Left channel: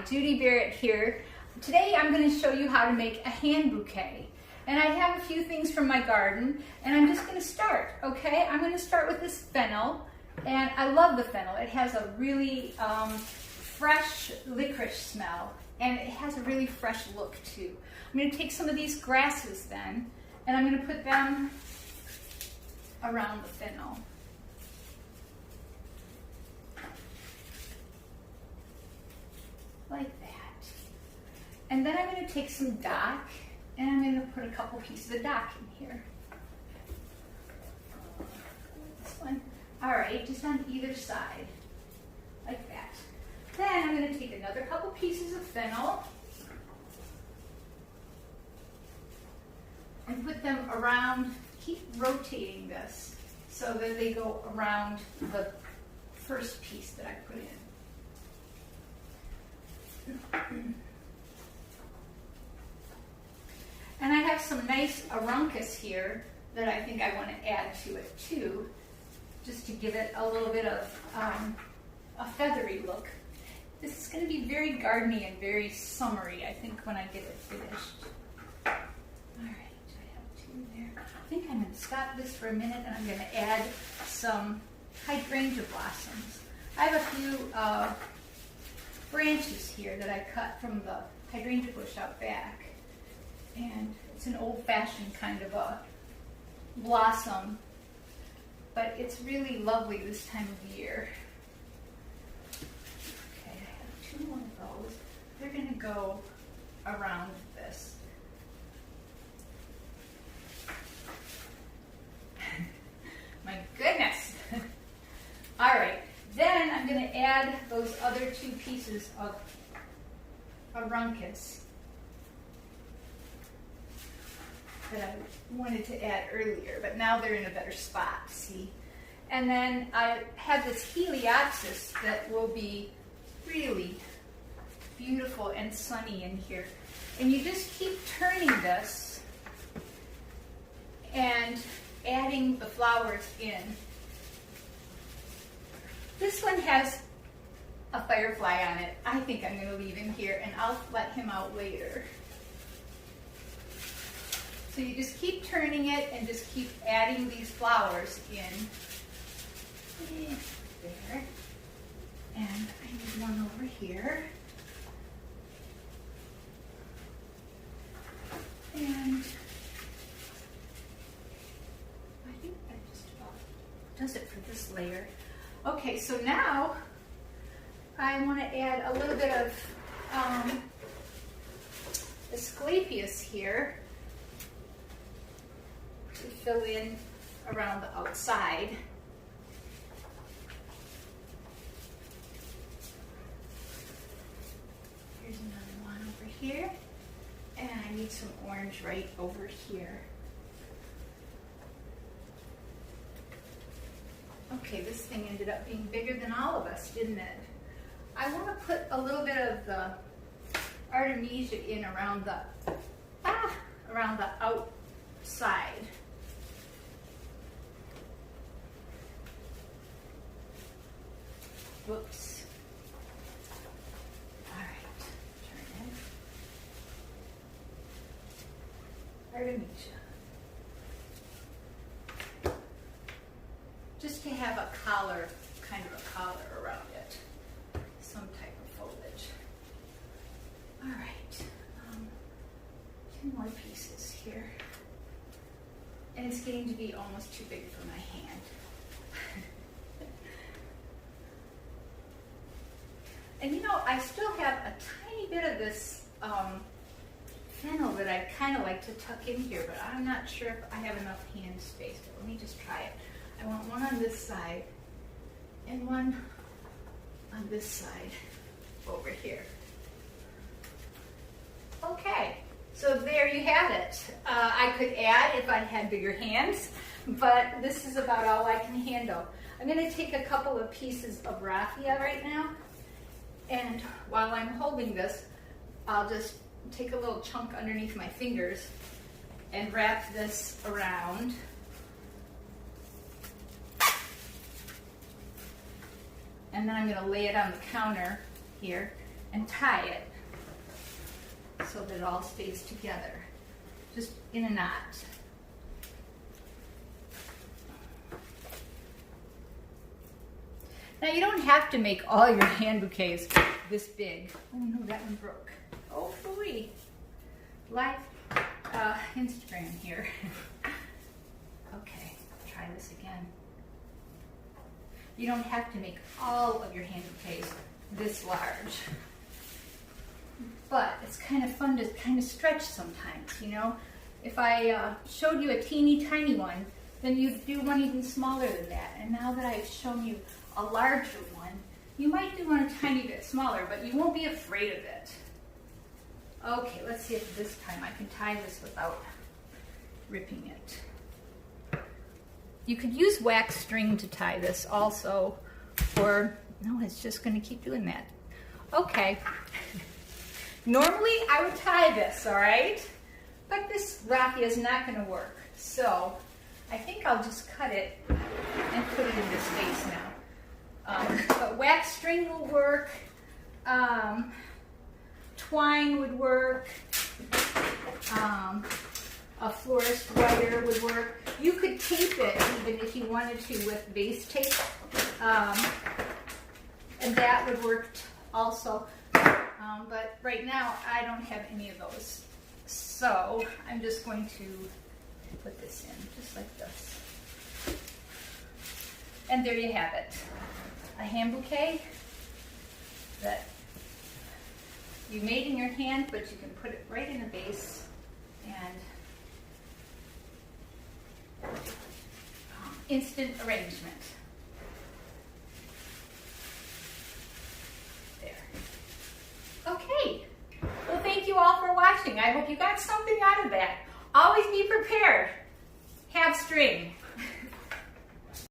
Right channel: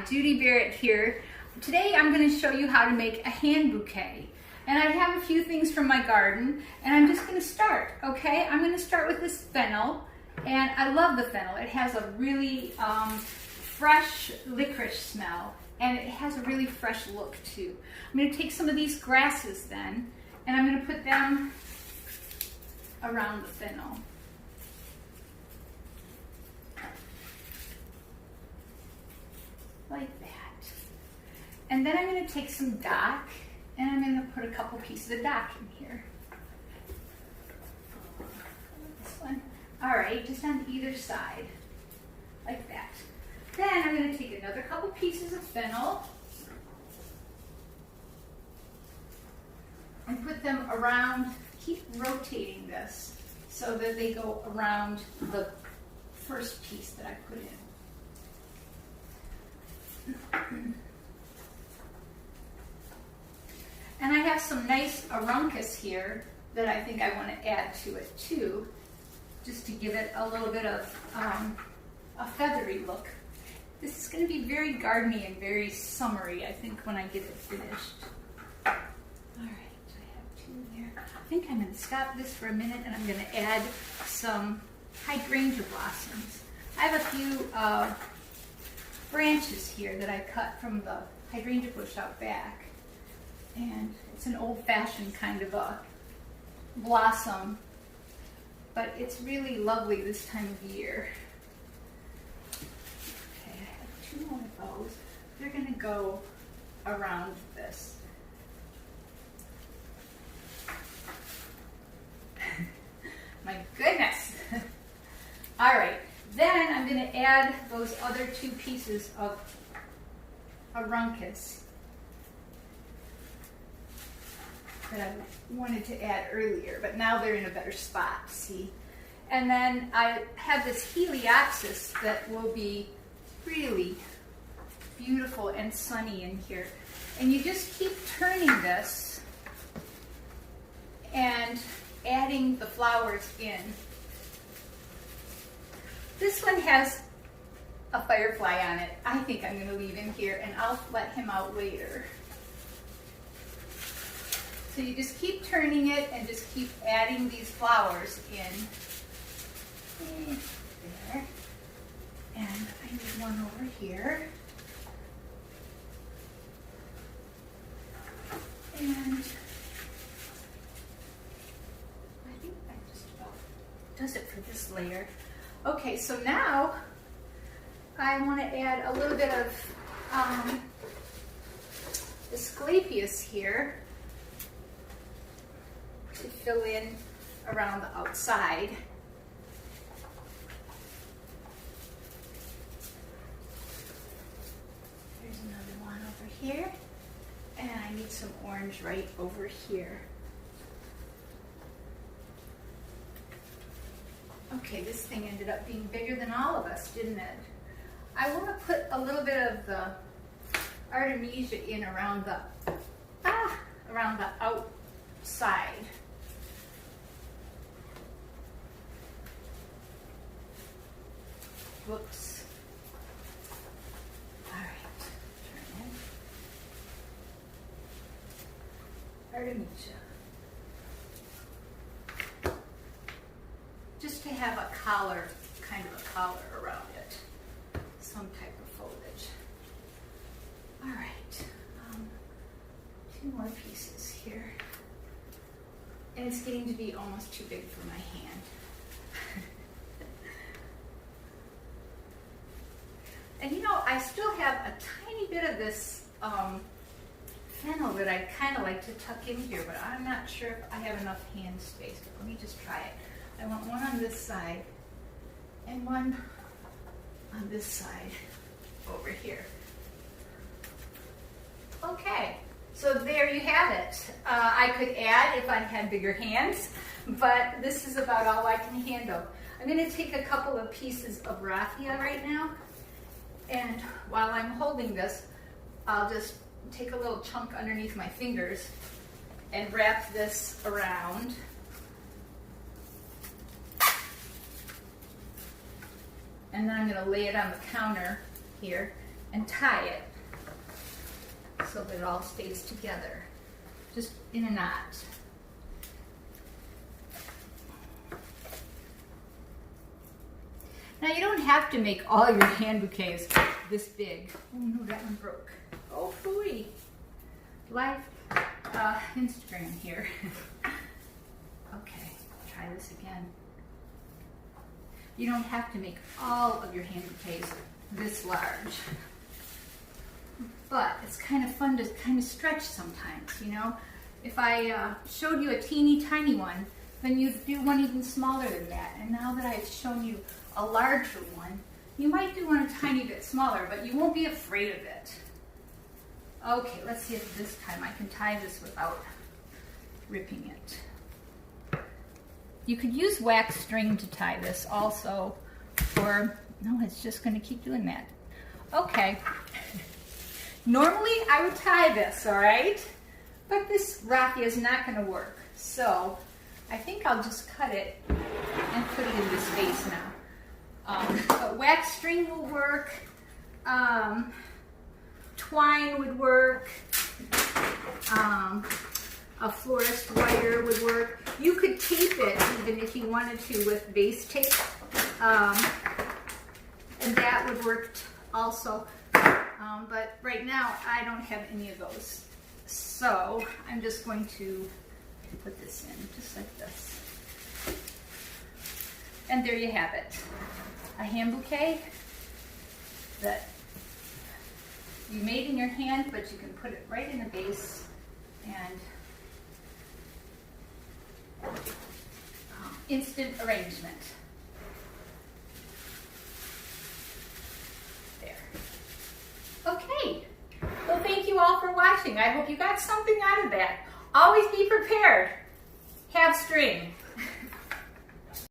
Hi, Judy Barrett here. Today I'm going to show you how to make a hand bouquet. And I have a few things from my garden and I'm just going to start, okay? I'm going to start with this fennel, and I love the fennel. It has a really fresh licorice smell, and it has a really fresh look too. I'm going to take some of these grasses then, and I'm going to put them around the fennel. Like that. And then I'm going to take some dock, and I'm going to put a couple pieces of dock in here. This one. All right, just on either side, like that. Then I'm going to take another couple pieces of fennel and put them around. Keep rotating this so that they go around the first piece that I put in. And I have some nice aruncus here that I think I want to add to it too, just to give it a little bit of a feathery look. This is going to be very gardeny and very summery, I think, when I get it finished. All right, I have two in there. I think I'm going to stop this for a minute, and I'm going to add some hydrangea blossoms. I have a few branches here that I cut from the hydrangea bush out back, and it's an old-fashioned kind of a blossom, but it's really lovely this time of year. Okay, I have two more of those. They're going to go around this. My goodness! All right. Then I'm going to add those other two pieces of aruncus that I wanted to add earlier, but now they're in a better spot, see? And then I have this heliopsis that will be really beautiful and sunny in here. And you just keep turning this and adding the flowers in. This one has a firefly on it. I think I'm going to leave him here, and I'll let him out later. So you just keep turning it and just keep adding these flowers in. There. And I need one over here. And I think that just about does it for this layer. Okay, so now I want to add a little bit of Asclepias here to fill in around the outside. Here's another one over here, and I need some orange right over here. Okay, this thing ended up being bigger than all of us, didn't it? I want to put a little bit of the Artemisia in around the outside. Whoops. All right, turn it. Artemisia. Just to have a collar, kind of a collar around it, some type of foliage. All right, two more pieces here. And it's getting to be almost too big for my hand. And you know, I still have a tiny bit of this fennel that I kind of like to tuck in here, but I'm not sure if I have enough hand space, but let me just try it. I want one on this side and one on this side over here. Okay, so there you have it. I could add if I had bigger hands, but this is about all I can handle. I'm going to take a couple of pieces of raffia right now, and while I'm holding this, I'll just take a little chunk underneath my fingers and wrap this around. And then I'm going to lay it on the counter here and tie it so that it all stays together, just in a knot. Now you don't have to make all your hand bouquets this big. Oh no, that one broke. Oh phooey. Live Instagram here. Okay, try this again. You don't have to make all of your hand bouquets this large. But it's kind of fun to kind of stretch sometimes, you know? If I showed you a teeny tiny one, then you'd do one even smaller than that. And now that I've shown you a larger one, you might do one a tiny bit smaller, but you won't be afraid of it. Okay, let's see if this time I can tie this without ripping it. You could use wax string to tie this also, or no, it's just going to keep doing that. Okay. Normally I would tie this, all right? But this raffia is not going to work. So I think I'll just cut it and put it in this vase now. But wax string will work. Twine would work. A florist wire would work. You could tape it even if you wanted to with vase tape. And that would work also. But right now I don't have any of those. So I'm just going to put this in just like this. And there you have it. A hand bouquet that you made in your hand, but you can put it right in a vase and instant arrangement. There. Okay. Well, thank you all for watching. I hope you got something out of that. Always be prepared. Have string.